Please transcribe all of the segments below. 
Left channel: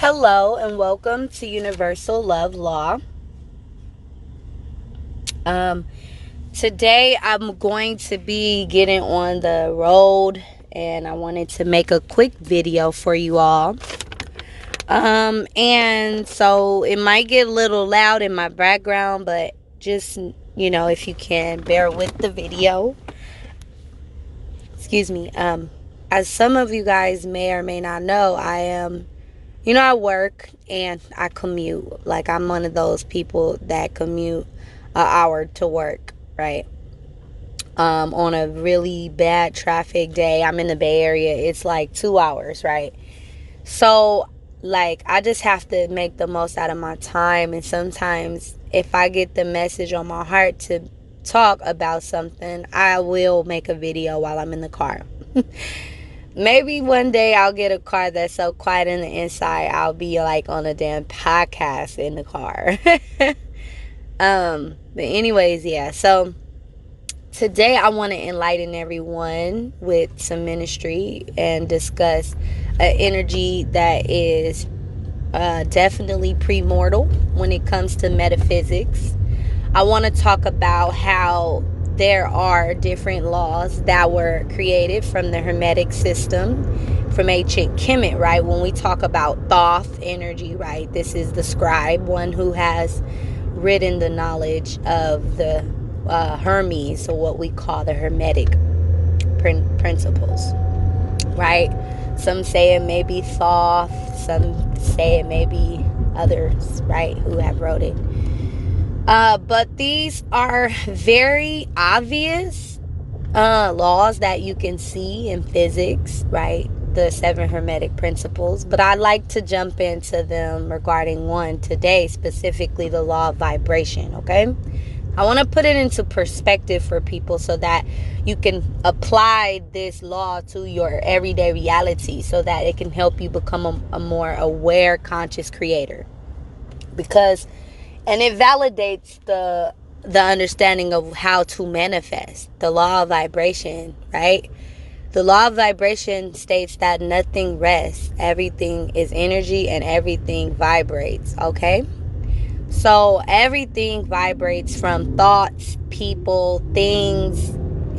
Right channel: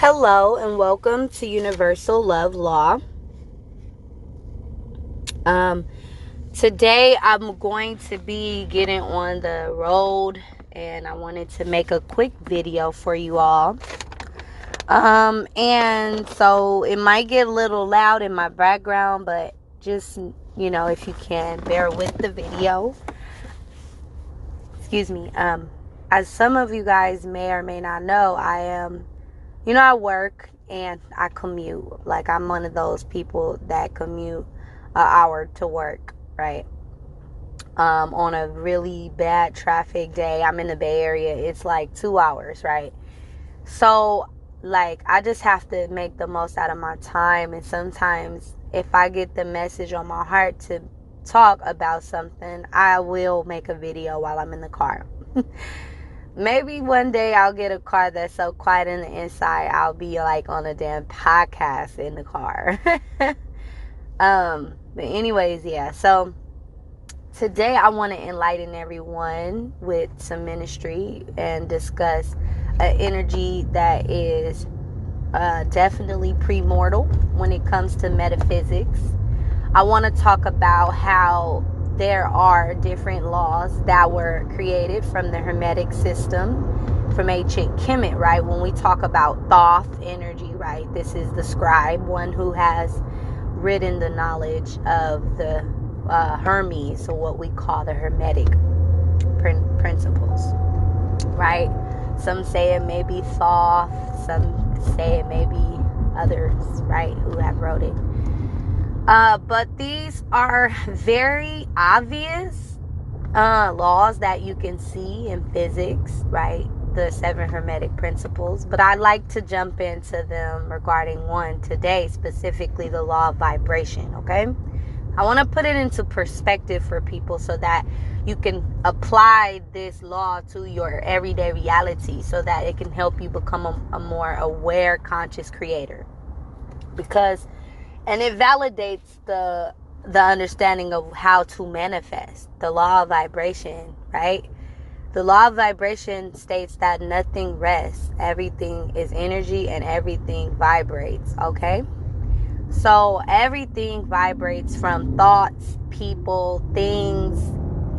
Hello and welcome to Universal Love Law. Um, Today I'm going to be getting on the road and I wanted to make a quick video for you all. And so it might get a little loud in my background, but just, if you can bear with the video. Excuse me. As some of you guys may or may not know, I work and I commute. Like, I'm one of those people that commute an hour to work, right? On a really bad traffic day, I'm in the Bay Area, it's like 2 hours, right? So, like, I just have to make the most out of my time. And sometimes, if I get the message on my heart to talk about something, I will make a video while I'm in the car. Maybe one day I'll get a car that's so quiet in the inside, I'll be like on a damn podcast in the car. But anyways, yeah. So today I want to enlighten everyone with some ministry and discuss an energy that is definitely premortal when it comes to metaphysics. I want to talk about how there are different laws that were created from the Hermetic system, from ancient Kemet, right? When we talk about Thoth energy, right? This is the scribe, one who has written the knowledge of the Hermes, or what we call the Hermetic principles, right? Some say it may be Thoth, some say it may be others, right, who have wrote it. But these are very obvious laws that you can see in physics, right? The 7 Hermetic principles. But I'd like to jump into them regarding one today, specifically the law of vibration, okay? I want to put it into perspective for people so that you can apply this law to your everyday reality, so that it can help you become a more aware, conscious creator. And it validates the understanding of how to manifest the law of vibration, right? The law of vibration states that nothing rests, everything is energy, and everything vibrates, okay? So everything vibrates, from thoughts, people, things,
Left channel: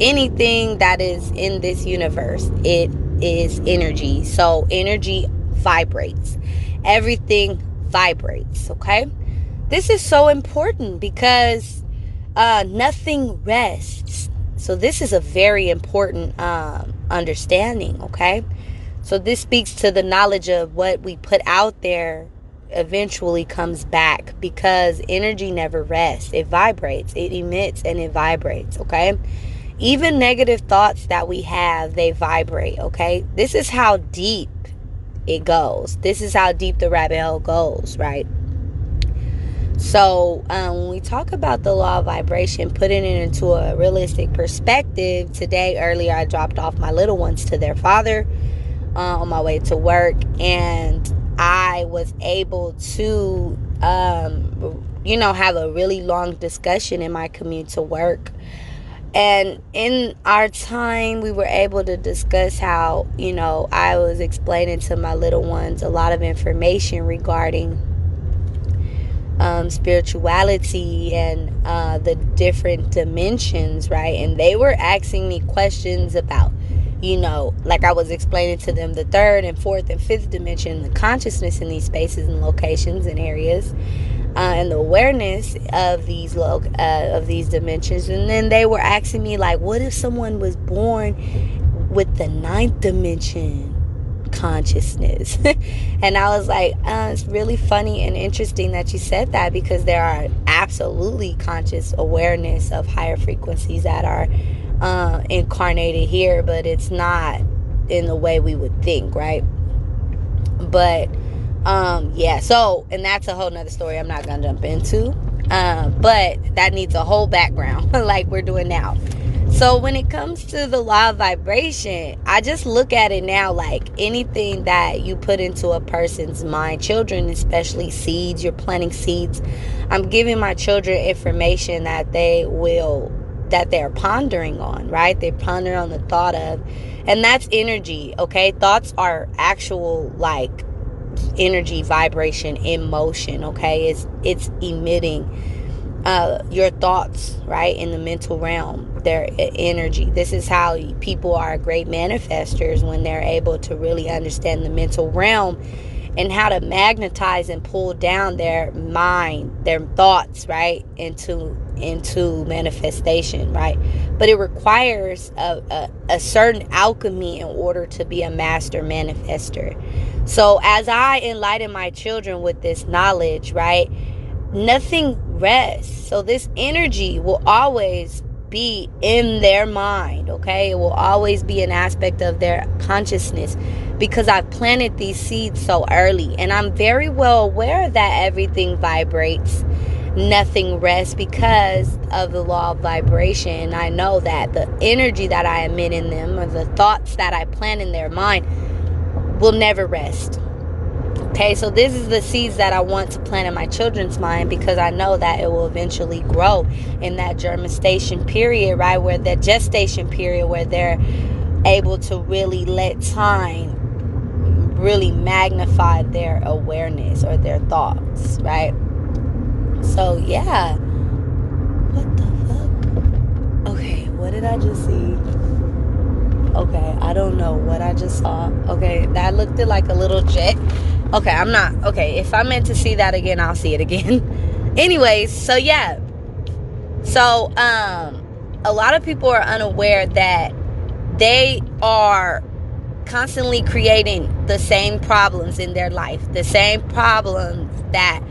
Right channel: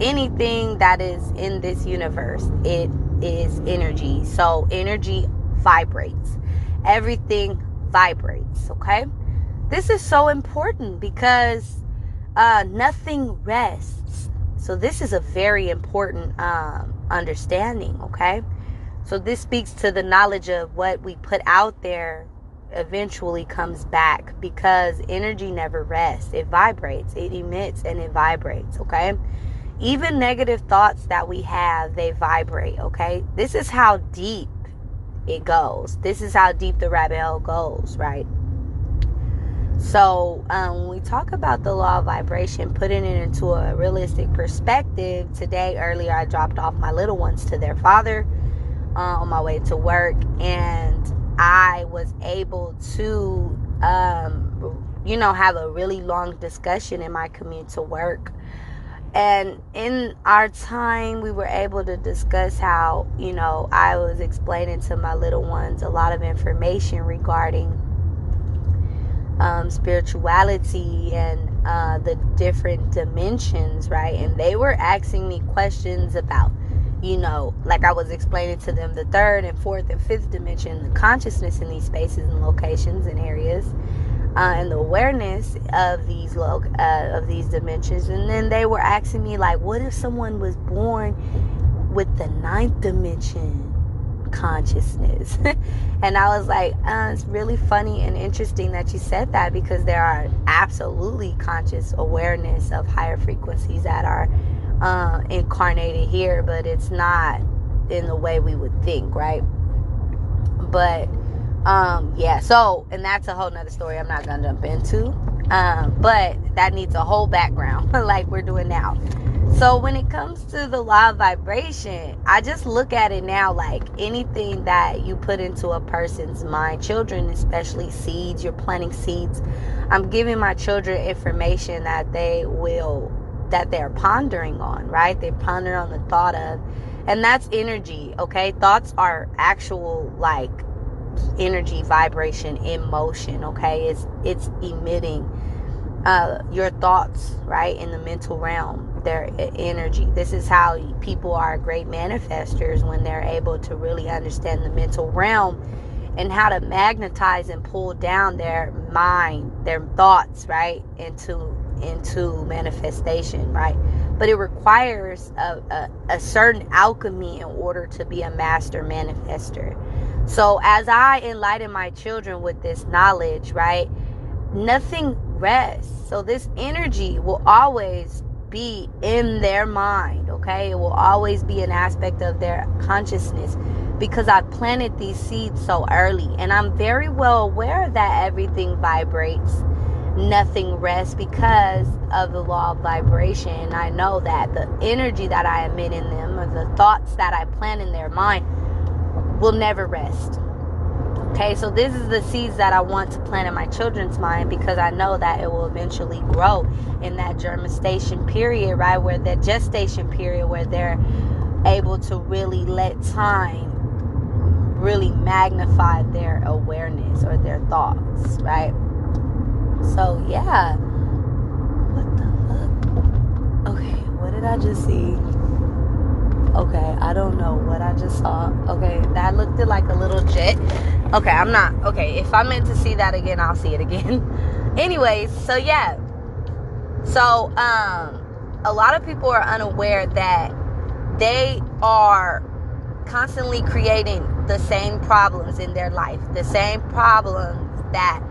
anything that is in this universe. It is energy. So energy vibrates. Everything vibrates, okay? This is so important because nothing rests. So this is a very important understanding, okay? So this speaks to the knowledge of what we put out there eventually comes back, because energy never rests. It vibrates, it emits, and it vibrates, okay? Even negative thoughts that we have, they vibrate, okay? This is how deep it goes. This is how deep the rabbit hole goes, right? So when we talk about the law of vibration, putting it into a realistic perspective, earlier I dropped off my little ones to their father on my way to work, and I was able to, have a really long discussion in my commute to work. And in our time, we were able to discuss how, I was explaining to my little ones a lot of information regarding spirituality and the different dimensions, right? And they were asking me questions about, like I was explaining to them the 3rd and 4th and 5th dimension, the consciousness in these spaces and locations and areas, and the awareness of these dimensions. And then they were asking me, like, what if someone was born with the 9th dimension consciousness? And I was like, it's really funny and interesting that you said that, because there are absolutely conscious awareness of higher frequencies that are incarnated here, but it's not in the way we would think, right? But so, and that's a whole nother story I'm not gonna jump into, but that needs a whole background like we're doing now. So when it comes to the law of vibration, I just look at it now like anything that you put into a person's mind, children especially, seeds, you're planting seeds. I'm giving my children information that they're pondering on, right? They're pondering on the thought of, and that's energy, okay? Thoughts are actual, like, energy, vibration in motion. Okay, it's emitting your thoughts, right, in the mental realm, their energy. This is how people are great manifestors, when they're able to really understand the mental realm and how to magnetize and pull down their mind, their thoughts, right, into manifestation, right? But it requires a certain alchemy in order to be a master manifester. So as I enlighten my children with this knowledge, right, nothing rests. So this energy will always be in their mind, okay? It will always be an aspect of their consciousness, because I've planted these seeds so early, and I'm very well aware that everything vibrates, nothing rests, because of the law of vibration. I know that the energy that I emit in them, or the thoughts that I plant in their mind, will never rest. Okay, so this is the seeds that I want to plant in my children's mind, because I know that it will eventually grow in that germination period, right? Where that gestation period, where they're able to really let time really magnify their awareness or their thoughts, right? So yeah. What the fuck? Okay, what did I just see? Okay, I don't know what I just saw. Okay, that looked like a little jet. Okay, I'm not. Okay, if I meant to see that again, I'll see it again. Anyways, so yeah. So, a lot of people are unaware that they are constantly creating the same problems in their life, the same problems that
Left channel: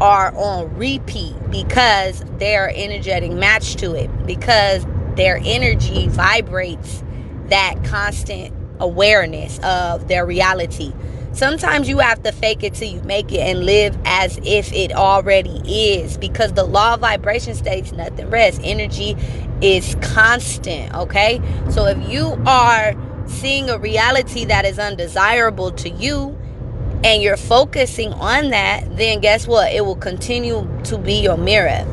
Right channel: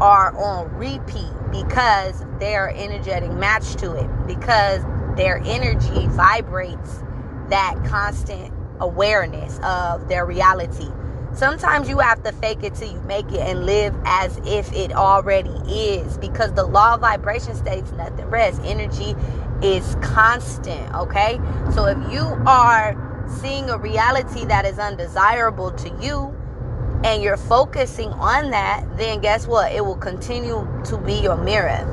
are on repeat, because they are energetic matched to it, because their energy vibrates that constant awareness of their reality. Sometimes you have to fake it till you make it and live as if it already is, because the law of vibration states nothing rests. Energy is constant, okay? So if you are seeing a reality that is undesirable to you, and you're focusing on that, then guess what? It will continue to be your mirror.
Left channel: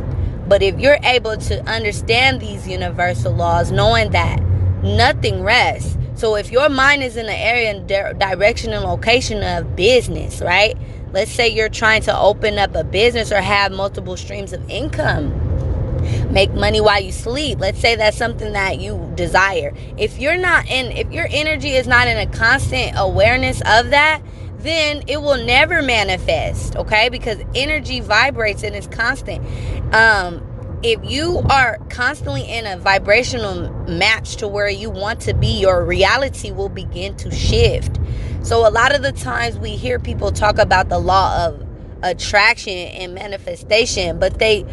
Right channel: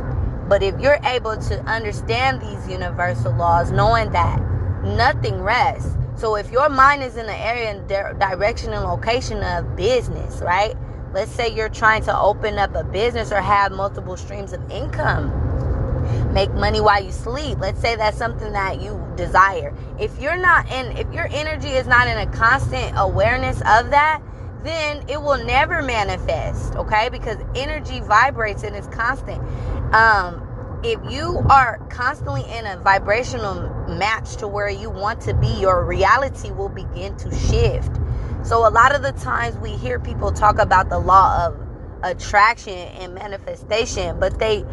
But if you're able to understand these universal laws, knowing that nothing rests. So if your mind is in the area and direction and location of business, right? Let's say you're trying to open up a business or have multiple streams of income, make money while you sleep. Let's say that's something that you desire. If your energy is not in a constant awareness of that, then it will never manifest, okay? Because energy vibrates and is constant. If you are constantly in a vibrational match to where you want to be, your reality will begin to shift. So a lot of the times we hear people talk about the law of attraction and manifestation, but they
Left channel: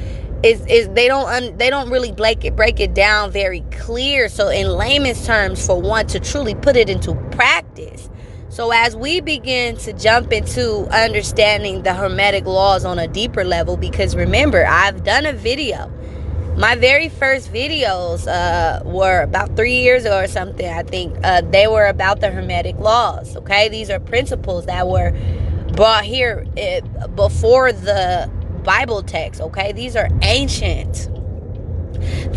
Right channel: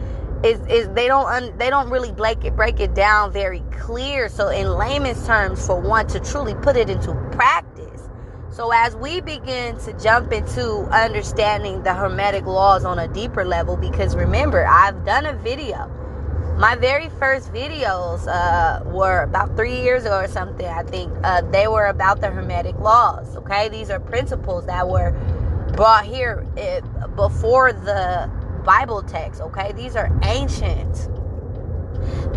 don't really break it down very clear. So in layman's terms, for one to truly put it into practice. So as we begin to jump into understanding the Hermetic Laws on a deeper level, because remember, I've done a video. My very first videos were about 3 years ago or something, I think. They were about the Hermetic Laws, okay? These are principles that were brought here before the Bible text, okay? These are ancient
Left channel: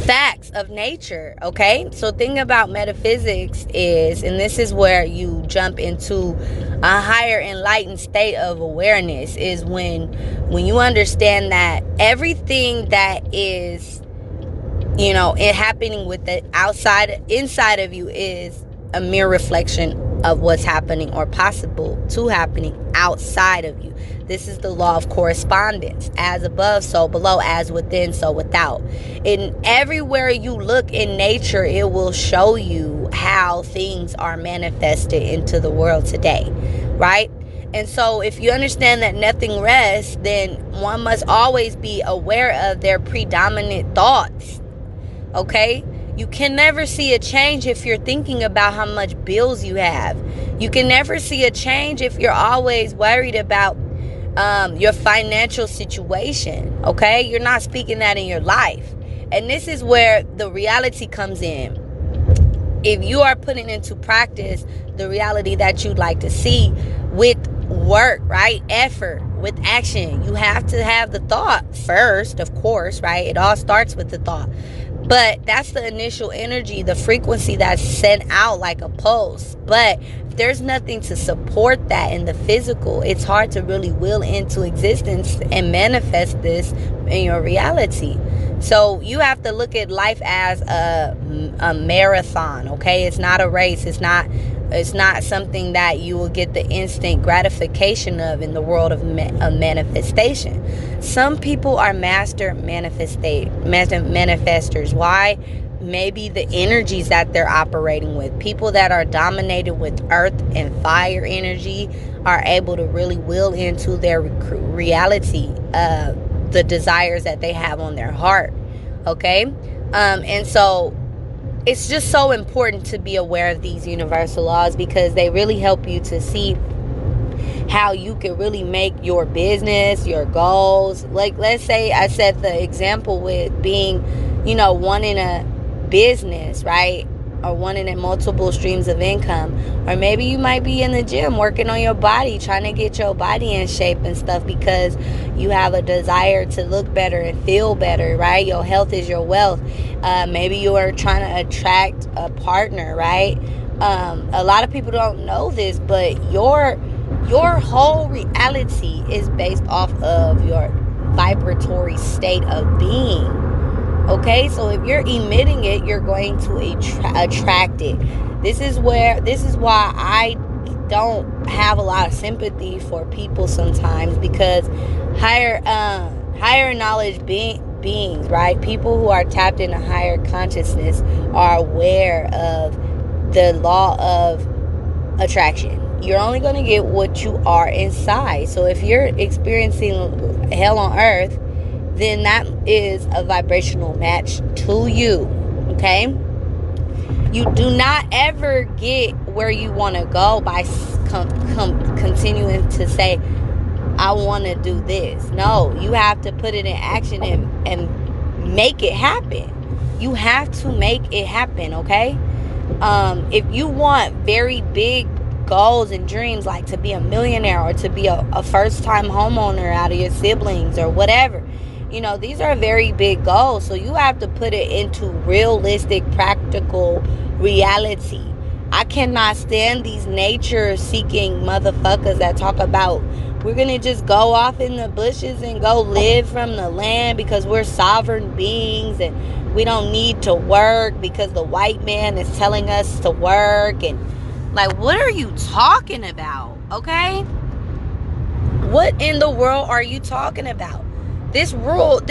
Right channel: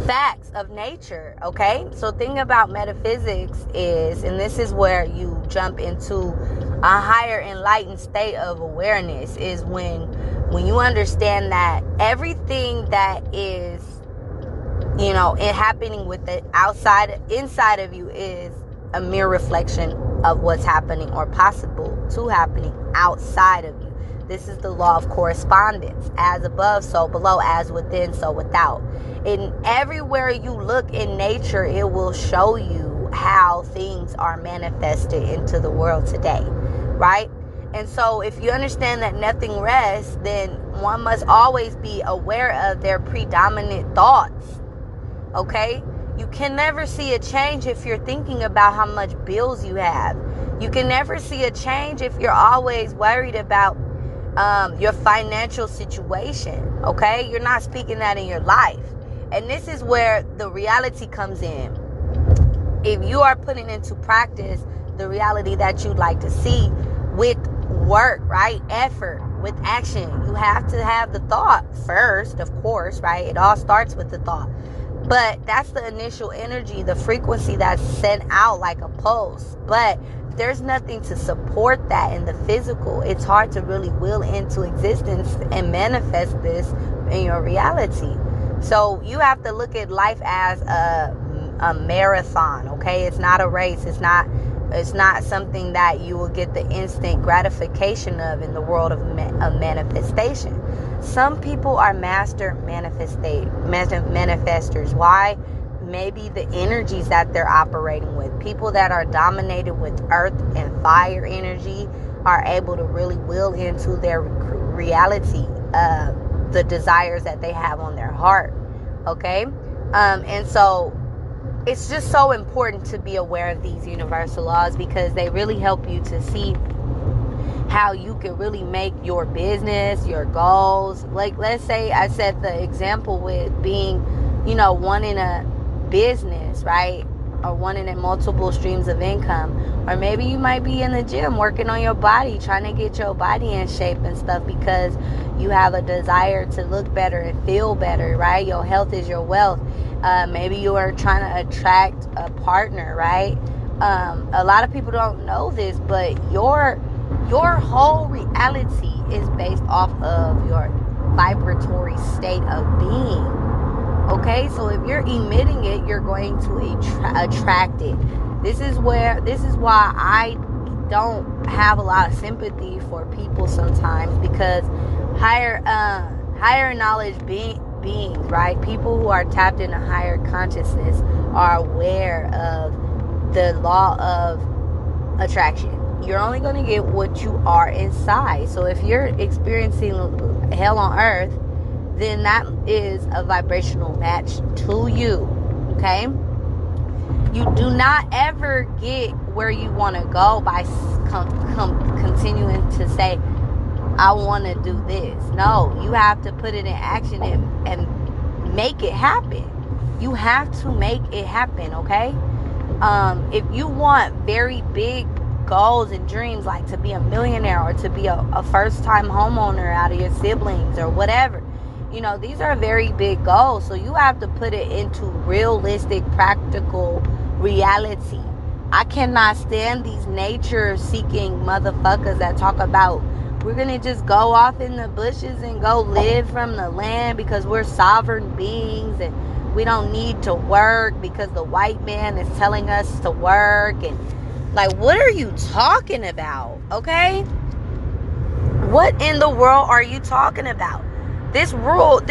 facts of nature, okay? So thing about metaphysics is, and this is where you jump into a higher enlightened state of awareness, is when you understand that everything that is, it happening with the inside of you is a mere reflection of what's happening or possible to happening outside of you. This is the law of correspondence. As above, so below. As within, so without. And everywhere you look in nature, it will show you how things are manifested into the world today, right? And so if you understand that nothing rests, then one must always be aware of their predominant thoughts, okay? You can never see a change if you're thinking about how much bills you have. You can never see a change if you're always worried about your financial situation, okay? You're not speaking that in your life. And this is where the reality comes in. If you are putting into practice the reality that you'd like to see with work, right? Effort, with action, you have to have the thought first, of course, right? It all starts with the thought. But that's the initial energy, the frequency that's sent out like a pulse. But there's nothing to support that in the physical, it's hard to really will into existence and manifest this in your reality. So you have to look at life as a marathon, okay? It's not a race. It's not something that you will get the instant gratification of in the world of manifestation. Some people are master manifestors. Why? Maybe the energies that they're operating with. People that are dominated with earth and fire energy are able to really will into their reality, the desires that they have on their heart. Okay? And so it's just so important to be aware of these universal laws, because they really help you to see how you can really make your business, your goals. Like, let's say I said the example with being, wanting a business, right? Or wanting in multiple streams of income. Or maybe you might be in the gym working on your body, trying to get your body in shape and stuff, because you have a desire to look better and feel better, right? Your health is your wealth. Maybe you are trying to attract a partner, right? A lot of people don't know this, but your whole reality is based off of your vibratory state of being. Okay, so if you're emitting it, you're going to attract it. This is why I don't have a lot of sympathy for people sometimes, because higher knowledge beings, right? People who are tapped into higher consciousness are aware of the law of attraction. You're only going to get what you are inside. So if you're experiencing hell on earth, then that is a vibrational match to you. Okay? You do not ever get where you want to go by continuing to say, I want to do this. No, you have to put it in action and make it happen. You have to make it happen, okay? If you want very big goals and dreams, like to be a millionaire or to be a first-time homeowner out of your siblings or whatever, these are very big goals. So you have to put it into realistic, practical reality. I cannot stand these nature-seeking motherfuckers that talk about, we're going to just go off in the bushes and go live from the land because we're sovereign beings and we don't need to work because the white man is telling us to work. And like, what are you talking about? Okay? What in the world are you talking about? This world,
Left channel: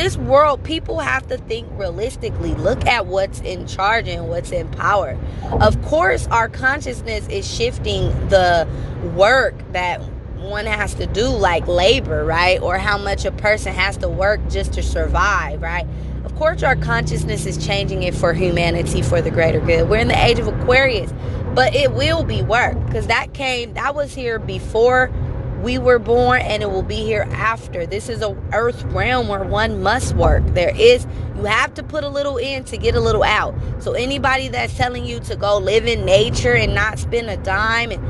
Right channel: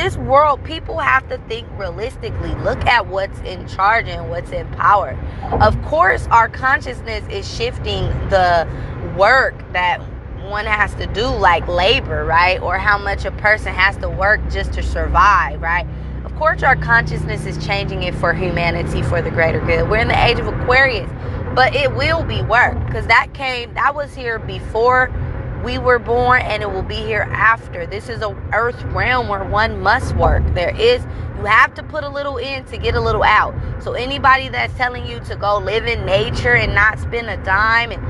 people have to think realistically. Look at what's in charge and what's in power. Of course, our consciousness is shifting the work that one has to do, like labor, right? Or how much a person has to work just to survive, right? Of course, our consciousness is changing it for humanity, for the greater good. We're in the age of Aquarius, but it will be work, because that was here before we were born, and it will be here after. This is a earth realm where one must work. You have to put a little in to get a little out. So anybody that's telling you to go live in nature and not spend a dime, and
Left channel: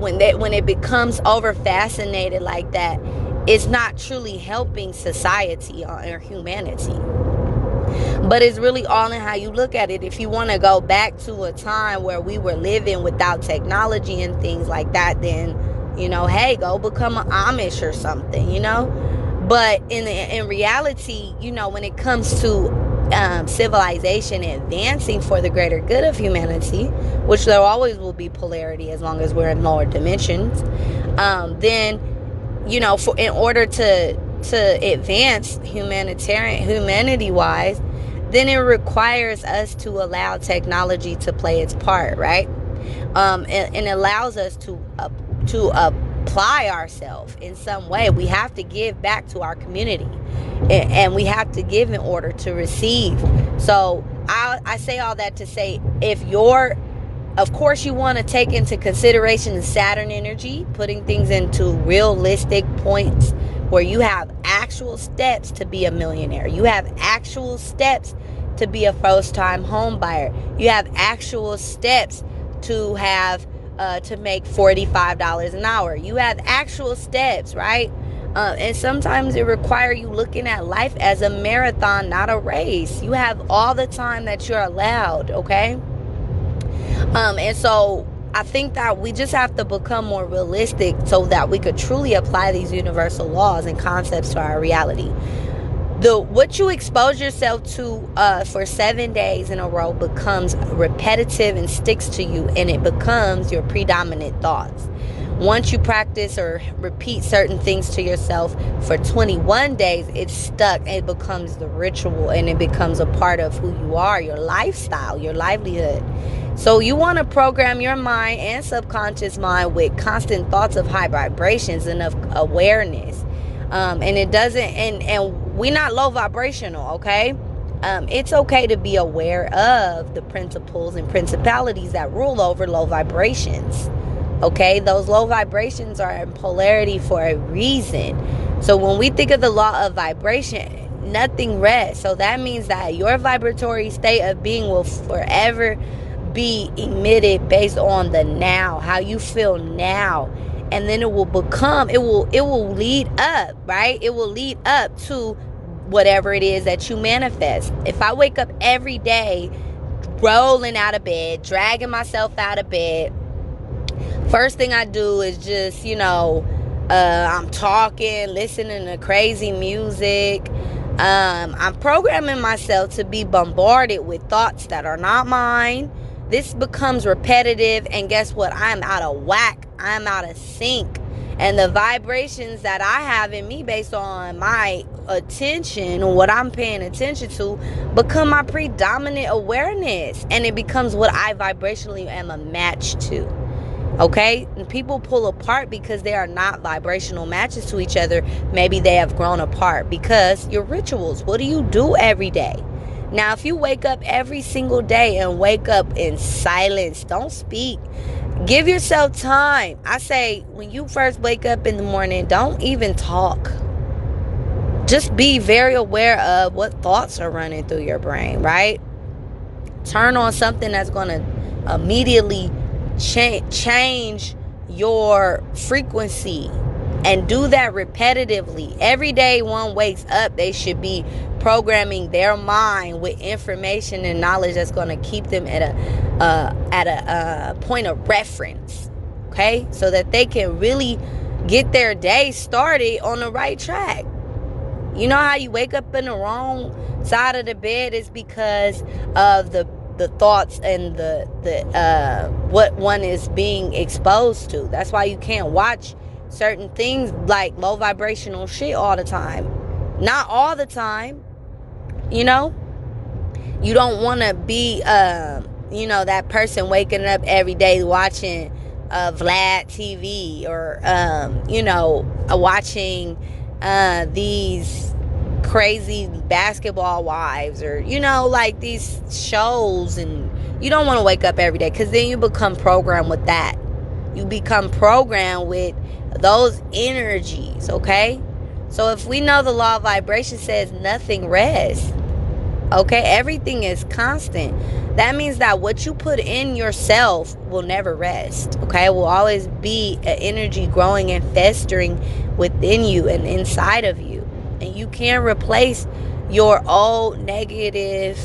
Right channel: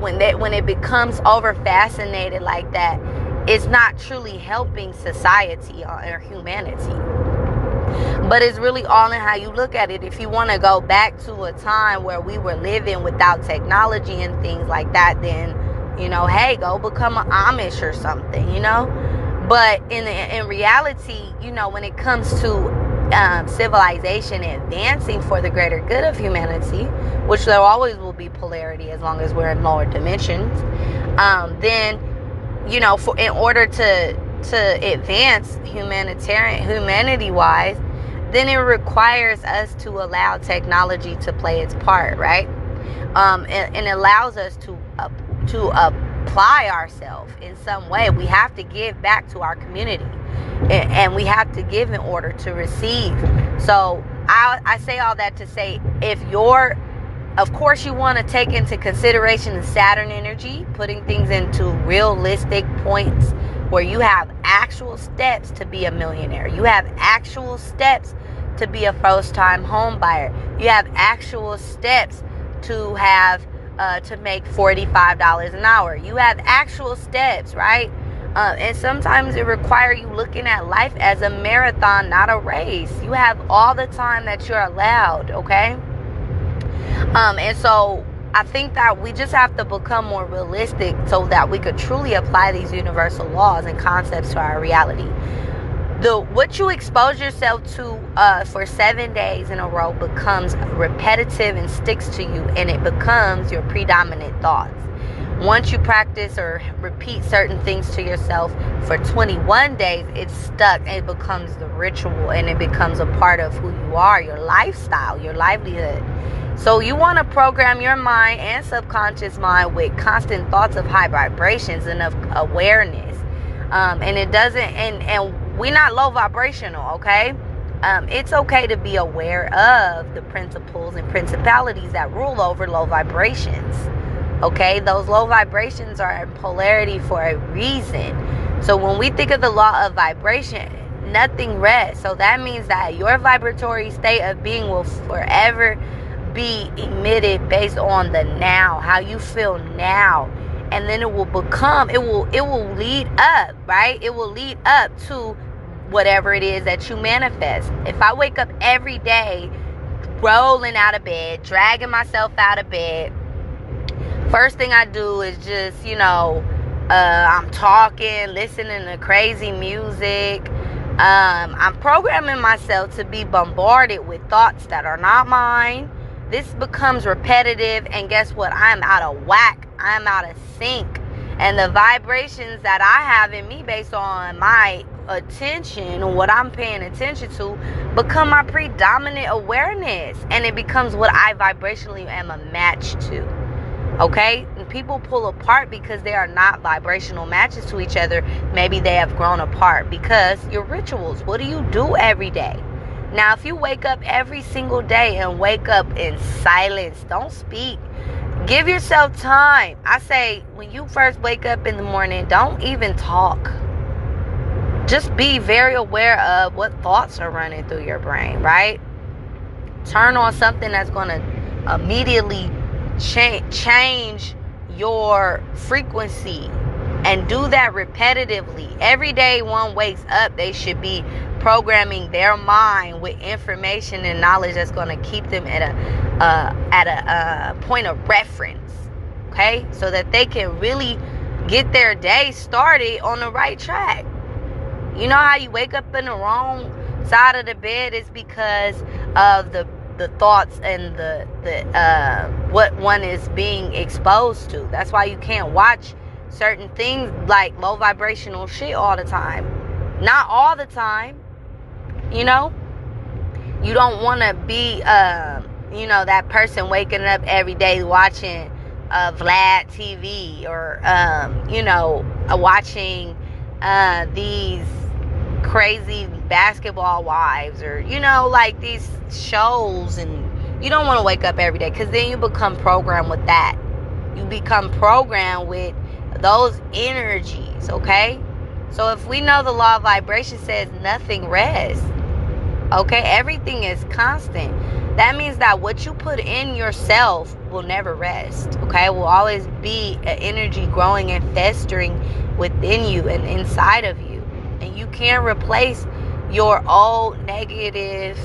when it becomes over fascinated like that, it's not truly helping society or humanity. But it's really all in how you look at it. If you want to go back to a time where we were living without technology and things like that, then hey, go become an Amish or something, But in reality, when it comes to civilization advancing for the greater good of humanity, which there always will be polarity as long as we're in lower dimensions, then, in order to advance humanity-wise, then it requires us to allow technology to play its part, right? And allows us to apply ourselves in some way. We have to give back to our community, and we have to give in order to receive. So I say all that to say, of course, you want to take into consideration the Saturn energy, putting things into realistic points where you have actual steps to be a millionaire. You have actual steps to be a first-time home buyer. You have actual steps to have to make $45 an hour. You have actual steps, right? And sometimes it requires you looking at life as a marathon, not a race. You have all the time that you're allowed, okay? And so I think that we just have to become more realistic so that we could truly apply these universal laws and concepts to our reality. What you expose yourself to for 7 days in a row becomes repetitive and sticks to you, and it becomes your predominant thoughts. Once you practice or repeat certain things to yourself for 21 days, it's stuck. It becomes the ritual, and it becomes a part of who you are, your lifestyle, your livelihood. So you want to program your mind and subconscious mind with constant thoughts of high vibrations and of awareness. And it doesn't, and we're not low vibrational, okay? It's okay to be aware of the principles and principalities that rule over low vibrations. Okay, those low vibrations are in polarity for a reason. So when we think of the law of vibration, nothing rests. So that means that your vibratory state of being will forever be emitted based on the now, how you feel now. And then it will lead up, right? It will lead up to whatever it is that you manifest. If I wake up every day rolling out of bed, dragging myself out of bed, first thing I do is just, I'm talking, listening to crazy music. I'm programming myself to be bombarded with thoughts that are not mine. This becomes repetitive, and guess what? I'm out of whack. I'm out of sync. And the vibrations that I have in me based on my attention, or what I'm paying attention to, become my predominant awareness. And it becomes what I vibrationally am a match to. Okay? And people pull apart because they are not vibrational matches to each other. Maybe they have grown apart because your rituals. What do you do every day? Now, if you wake up every single day and wake up in silence, don't speak. Give yourself time. I say, when you first wake up in the morning, don't even talk. Just be very aware of what thoughts are running through your brain, right? Turn on something that's going to immediately change your frequency, and do that repetitively. Every day one wakes up, they should be programming their mind with information and knowledge that's going to keep them at a point of reference, okay? So that they can really get their day started on the right track. You know how you wake up in the wrong side of the bed is because of the thoughts and the what one is being exposed to. That's why you can't watch certain things like low vibrational shit all the time. Not all the time. You don't want to be that person waking up every day watching Vlad TV, or watching these crazy basketball wives, or like these shows. And you don't want to wake up every day, because then you become programmed with that. You become programmed with those energies, okay? So if we know the law of vibration says nothing rests, okay, everything is constant. That means that what you put in yourself will never rest, okay? It will always be an energy growing and festering within you and inside of you. And you can't replace your old negative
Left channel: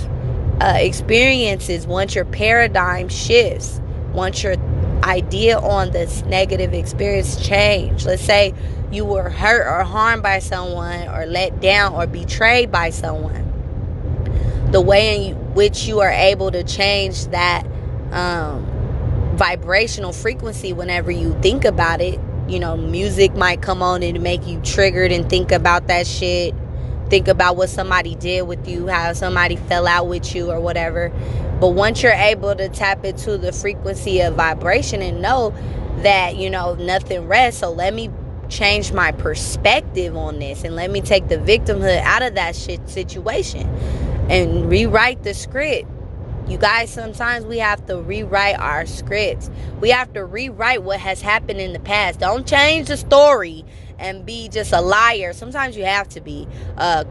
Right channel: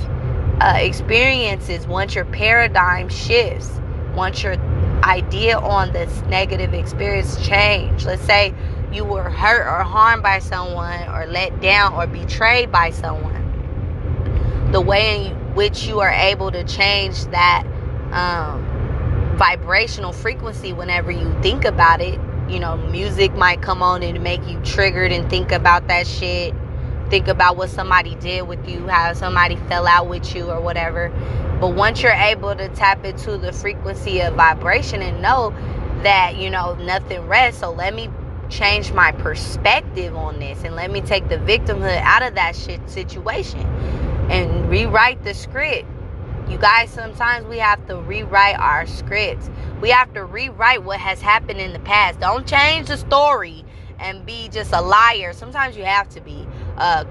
experiences once your paradigm shifts, once your idea on this negative experience change. Let's say you were hurt or harmed by someone, or let down or betrayed by someone. The way in which you are able to change that vibrational frequency whenever you think about it. Music might come on and make you triggered and think about that shit. Think about what somebody did with you, how somebody fell out with you or whatever. But once you're able to tap into the frequency of vibration and know that, nothing rests, so let me change my perspective on this, and let me take the victimhood out of that shit situation and rewrite the script. You guys, sometimes we have to rewrite our scripts. We have to rewrite what has happened in the past. Don't change the story and be just a liar. Sometimes you have to be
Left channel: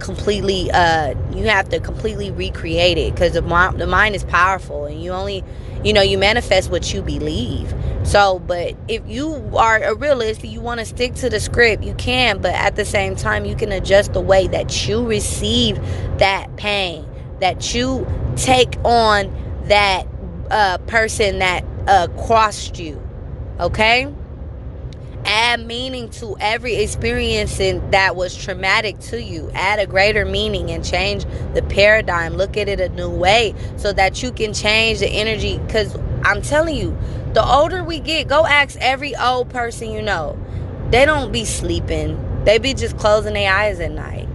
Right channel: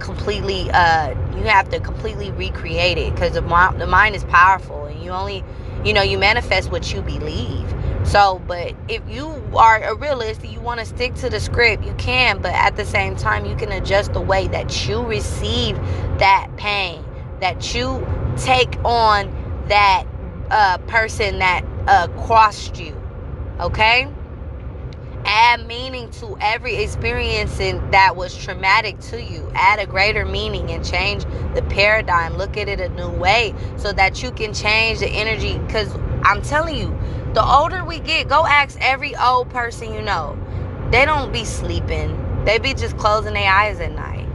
completely, you have to completely recreate it, because the mind is powerful, and you only, you manifest what you believe. So, but if you are a realist, you want to stick to the script, you can, but at the same time, you can adjust the way that you receive that pain, that you take on that person that crossed you. Okay? Add meaning to every experience that was traumatic to you. Add a greater meaning and change the paradigm. Look at it a new way so that you can change the energy. Because I'm telling you, the older we get, go ask every old person you know. They don't be sleeping. They be just closing their eyes at night.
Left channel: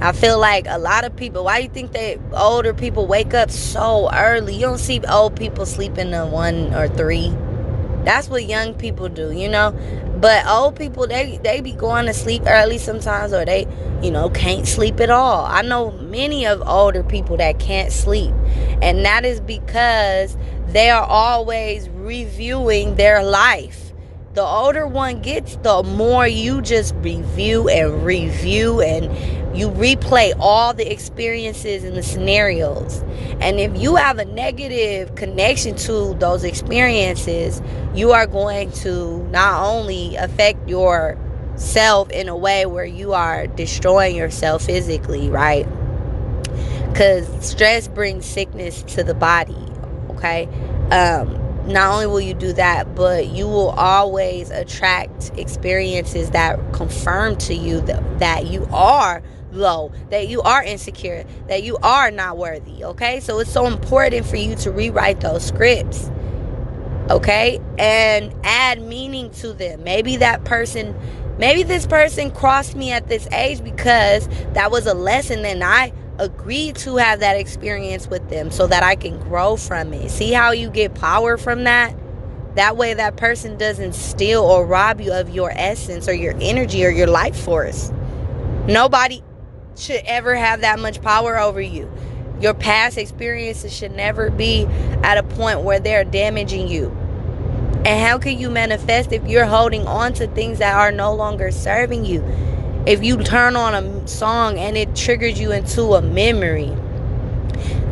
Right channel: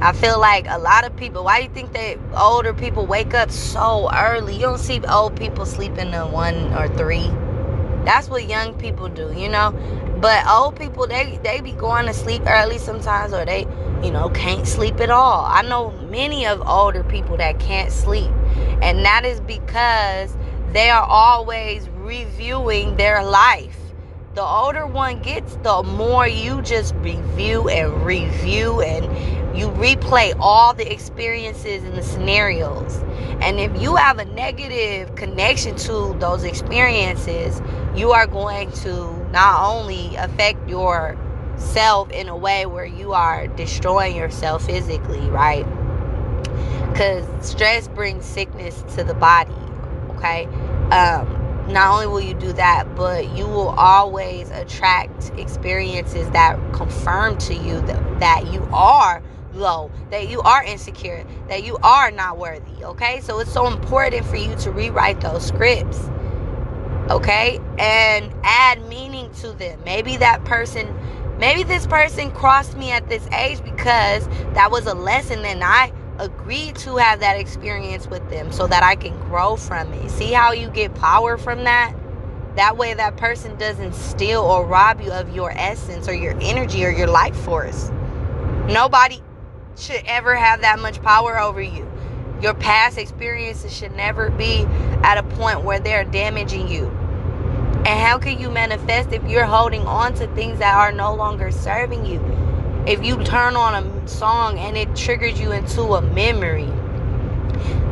I feel like a lot of people, why do you think that older people wake up so early? You don't see old people sleeping to 1 or 3. That's what young people do, you know. But old people, they be going to sleep early sometimes, or they, can't sleep at all. I know many of older people that can't sleep. And that is because they are always reviewing their life. The older one gets, the more you just review and you replay all the experiences and the scenarios. And if you have a negative connection to those experiences, you are going to not only affect yourself in a way where you are destroying yourself physically, right? Because stress brings sickness to the body, okay? Not only will you do that, but you will always attract experiences that confirm to you that you are low, that you are insecure, that you are not worthy, okay? So it's so important for you to rewrite those scripts, okay? And add meaning to them. Maybe this person crossed me at this age because that was a lesson and I agreed to have that experience with them so that I can grow from it. See how you get power from that? That way that person doesn't steal or rob you of your essence or your energy or your life force. Nobody should ever have that much power over you. Your past experiences should never be at a point where they're damaging you. And how can you manifest if you're holding on to things that are no longer serving you? If you turn on a song and it triggers you into a memory,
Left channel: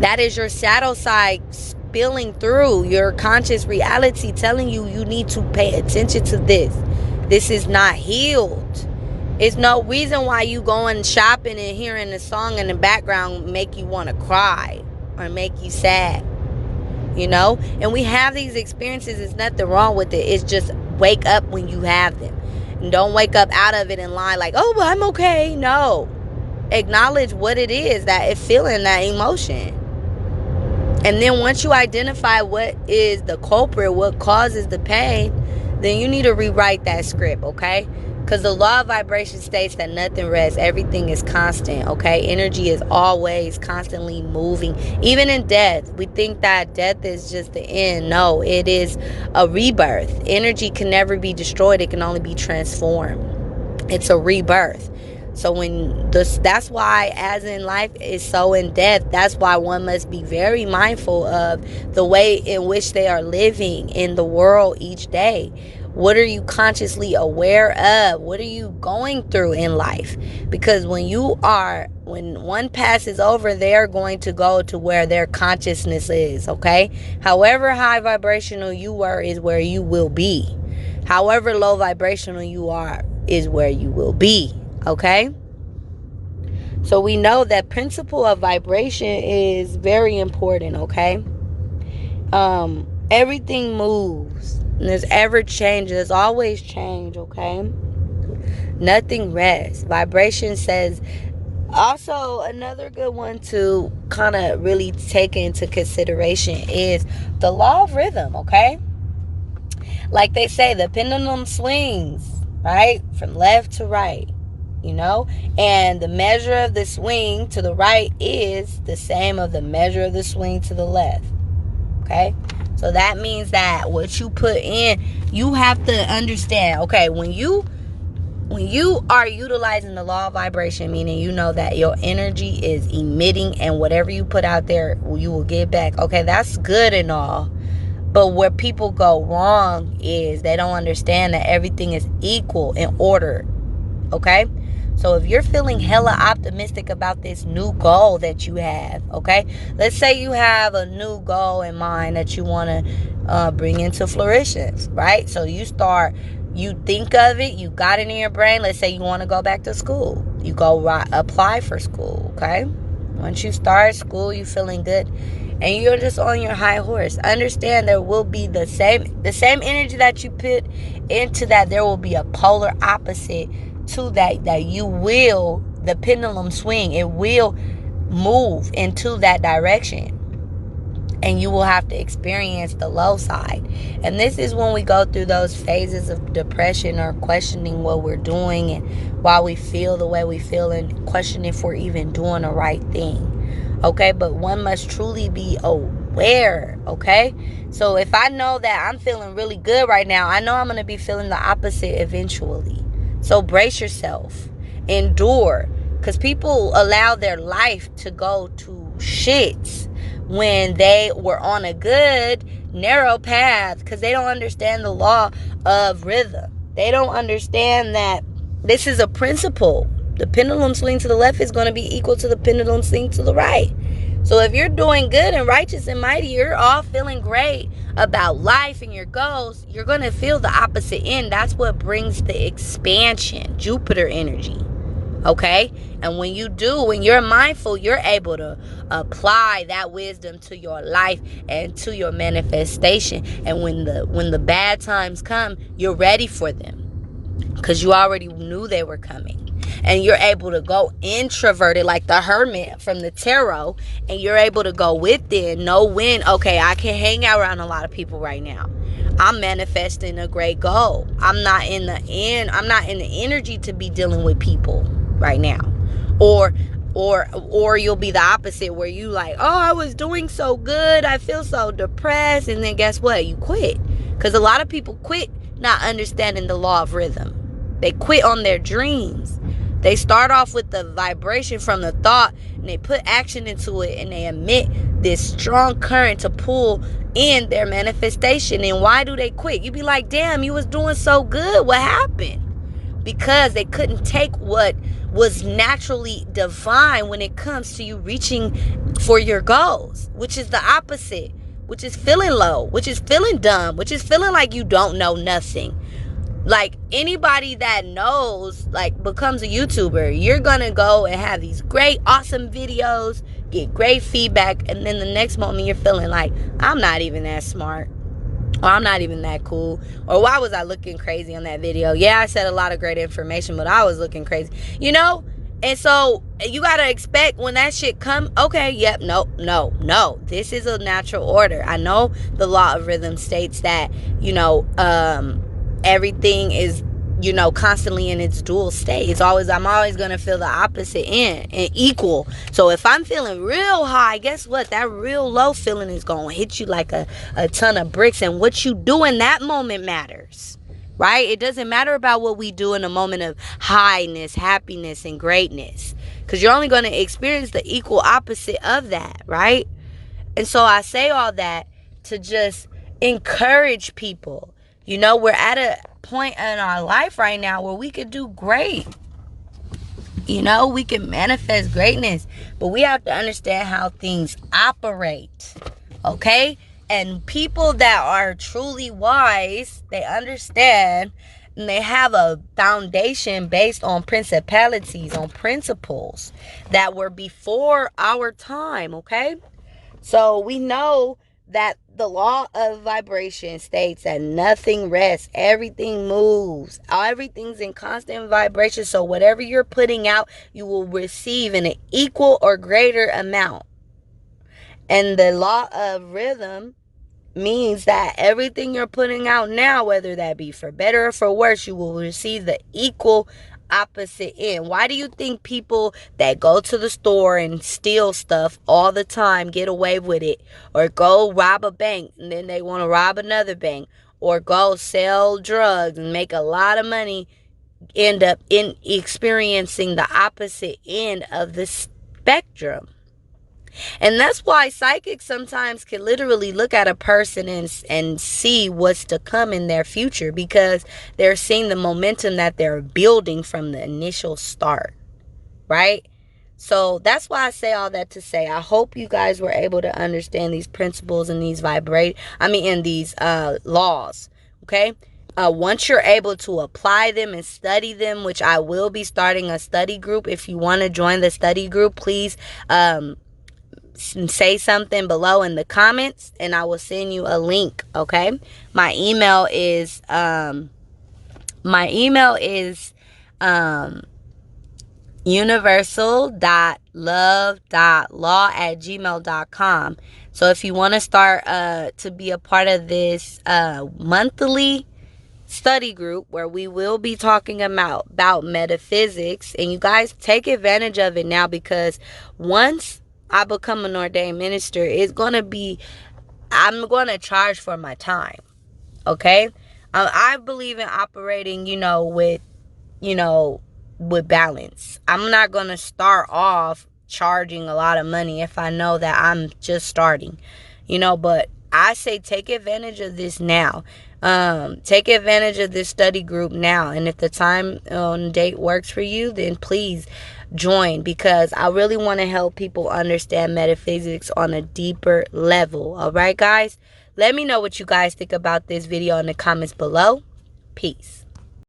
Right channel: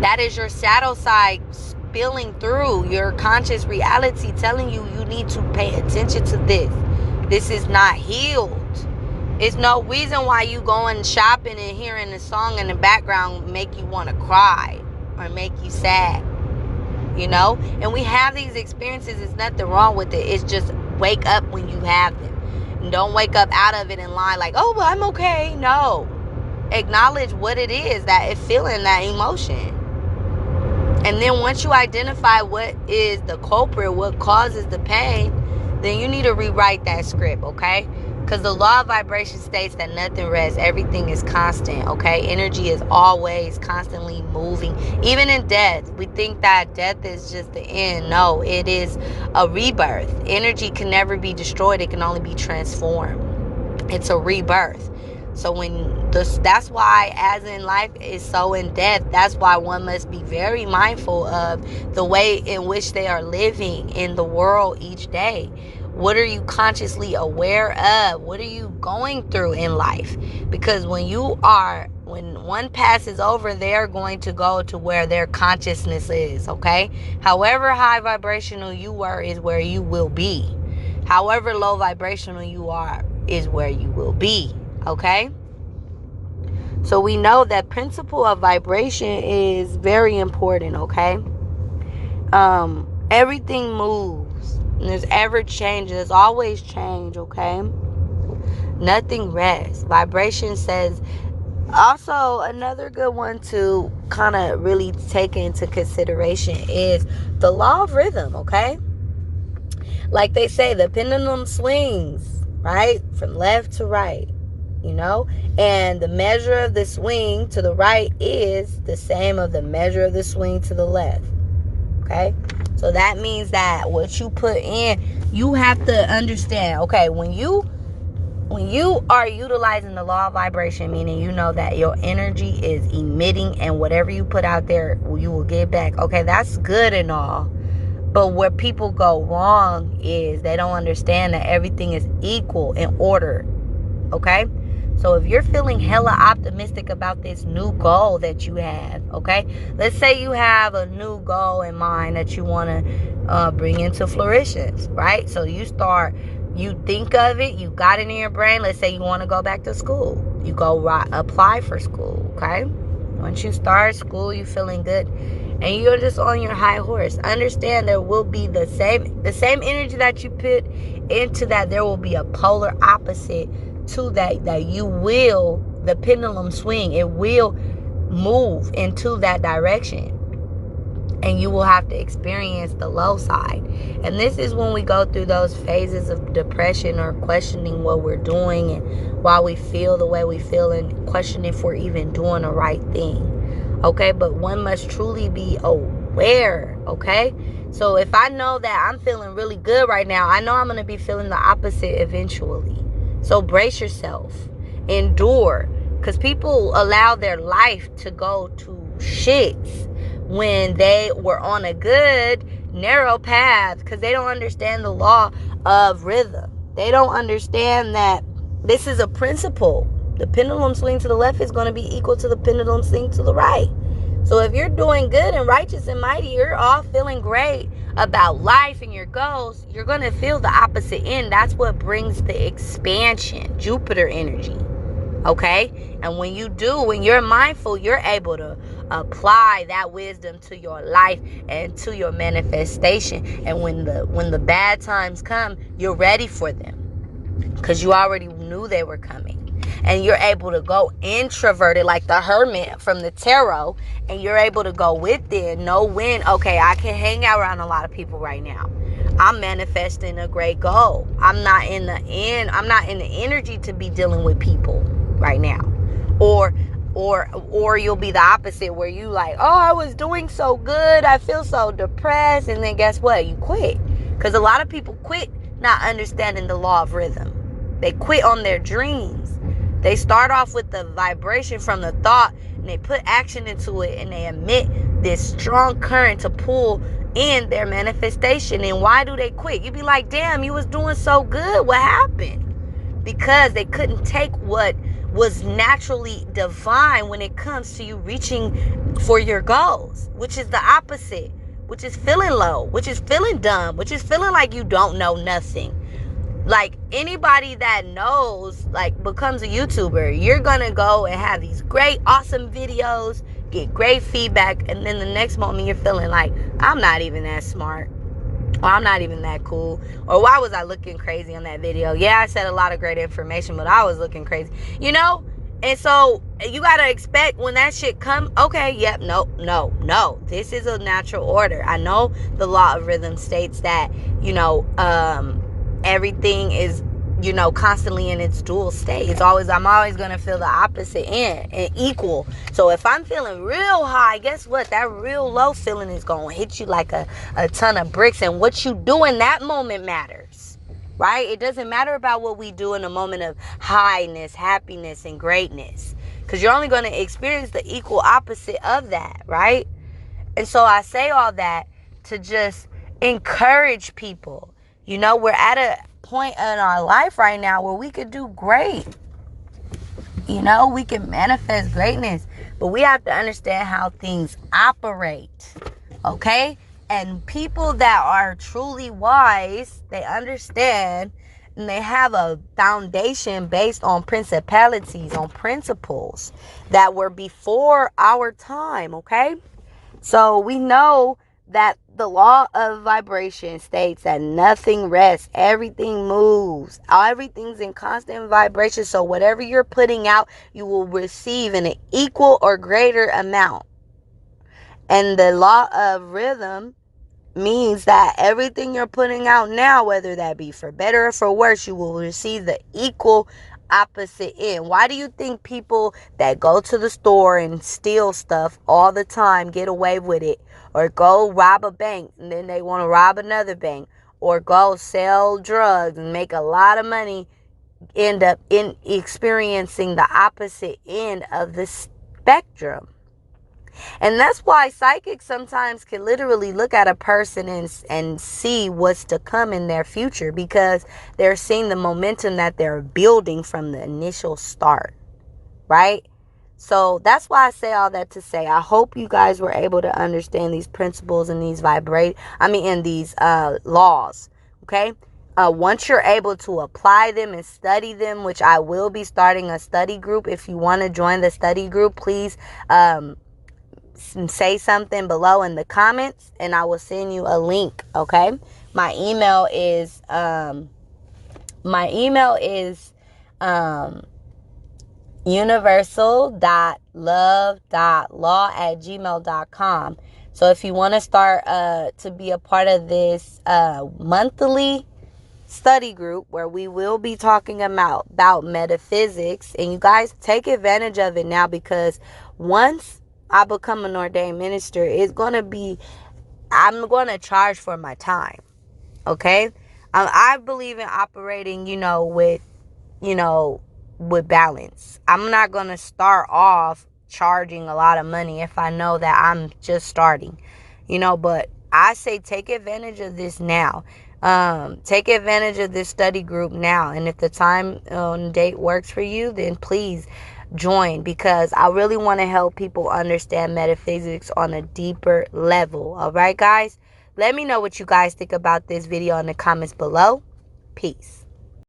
that is your shadow side spilling through your conscious reality, telling you need to pay attention to this. This is not healed. It's no reason why you going shopping and hearing a song in the background make you want to cry or make you sad. And we have these experiences. There's nothing wrong with it. It's just wake up when you have them. And don't wake up out of it and lie like, oh, well, I'm okay. No. Acknowledge what it is that it's feeling, that emotion. And then once you identify what is the culprit, what causes the pain, then you need to rewrite that script, okay? Because the law of vibration states that nothing rests. Everything is constant, okay? Energy is always constantly moving. Even in death, we think that death is just the end. No, it is a rebirth. Energy can never be destroyed. It can only be transformed. It's a rebirth. So that's why, as in life is so in death, that's why one must be very mindful of the way in which they are living in the world each day. What are you consciously aware of? What are you going through in life? Because when one passes over, they're going to go to where their consciousness is, okay? However high vibrational you were is where you will be. However low vibrational you are is where you will be, okay? So we know that principle of vibration is very important, okay? Everything moves. And there's ever change. There's always change, okay? Nothing rests. Vibration says. Also, another good one to kind of really take into consideration is the law of rhythm, okay? Like they say, the pendulum swings, right? From left to right, And the measure of the swing to the right is the same of the measure of the swing to the left, okay? So that means that what you put in, you have to understand, okay, when you are utilizing the law of vibration, meaning you know that your energy is emitting and whatever you put out there, you will get back. Okay, that's good and all. But where people go wrong is they don't understand that everything is equal in order, okay? So if you're feeling hella optimistic about this new goal that you have, okay? Let's say you have a new goal in mind that you want to bring into fruition, right? So you think of it, you got it in your brain. Let's say you want to go back to school. You go apply for school, okay? Once you start school, you feeling good. and you're just on your high horse. Understand there will be the same energy that you put into that. There will be a polar opposite to that you will, the pendulum swing, it will move into that direction, and you will have to experience the low side. And this is when we go through those phases of depression or questioning what we're doing and why we feel the way we feel, and questioning if we're even doing the right thing. Okay, but one must truly be aware. Okay, so if I know that I'm feeling really good right now, I know I'm going to be feeling the opposite eventually. So brace yourself, endure, because people allow their life to go to shits when they were on a good narrow path, because they don't understand the law of rhythm. They don't understand that this is a principle. The pendulum swing to the left is going to be equal to the pendulum swing to the right. So if you're doing good and righteous and mighty, you're all feeling great about life and your goals, you're going to feel the opposite end. That's what brings the expansion, Jupiter energy. Okay? And when you're mindful, you're able to apply that wisdom to your life and to your manifestation. And when the bad times come, you're ready for them, because you already knew they were coming. And you're able to go introverted like the hermit from the tarot, and you're able to go within, know when, okay, I can hang out around a lot of people right now. I'm manifesting a great goal. I'm not in the energy to be dealing with people right now. Or you'll be the opposite, where you like, oh, I was doing so good, I feel so depressed, and then guess what? You quit. Because a lot of people quit not understanding the law of rhythm. They quit on their dreams. They start off with the vibration from the thought, and they put action into it, and they emit this strong current to pull in their manifestation. And why do they quit? You be like, damn, you was doing so good. What happened? Because they couldn't take what was naturally divine when it comes to you reaching for your goals, which is the opposite, which is feeling low, which is feeling dumb, which is feeling like you don't know nothing. Like anybody that knows, like, becomes a YouTuber, you're gonna go and have these great, awesome videos, get great feedback, and then the next moment you're feeling like, I'm not even that smart, or I'm not even that cool, or why was I looking crazy on that video? Yeah, I said a lot of great information, but I was looking crazy, you know? And so you gotta expect when that shit come, okay, yep, no. This is a natural order. I know the law of rhythm states that, everything is, constantly in its dual state. I'm always gonna feel the opposite end and equal. So if I'm feeling real high, guess what? That real low feeling is gonna hit you like a ton of bricks. And what you do in that moment matters, right? It doesn't matter about what we do in a moment of highness, happiness, and greatness, because you're only gonna experience the equal opposite of that, right? And so I say all that to just encourage people. We're at a point in our life right now where we could do great. We can manifest greatness, but we have to understand how things operate. Okay? And people that are truly wise, they understand, and they have a foundation based on principalities, on principles that were before our time. Okay? So we know that the law of vibration states that nothing rests, everything moves, everything's in constant vibration. So whatever you're putting out, you will receive in an equal or greater amount. And the law of rhythm means that everything you're putting out now, whether that be for better or for worse, you will receive the equal opposite end. Why do you think people that go to the store and steal stuff all the time get away with it, or go rob a bank and then they want to rob another bank, or go sell drugs and make a lot of money, end up in experiencing the opposite end of the spectrum? And that's why psychics sometimes can literally look at a person and see what's to come in their future, because they're seeing the momentum that they're building from the initial start, right? So that's why I say all that to say, I hope you guys were able to understand these principles and these laws, okay? Once you're able to apply them and study them, which I will be starting a study group. If you want to join the study group, please say something below in the comments, and I will send you a link. Okay, my email is universal.love.law@gmail.com. So if you want to start to be a part of this monthly study group where we will be talking about metaphysics, and you guys take advantage of it now, because once I become an ordained minister, I'm going to charge for my time. Okay, I believe in operating, you know, with balance. I'm not going to start off charging a lot of money if I know that I'm just starting, but I say take advantage of this now. Take advantage of this study group now. And if the time and date works for you, then please join, because I really want to help people understand metaphysics on a deeper level. All right, guys? Let me know what you guys think about this video in the comments below. Peace.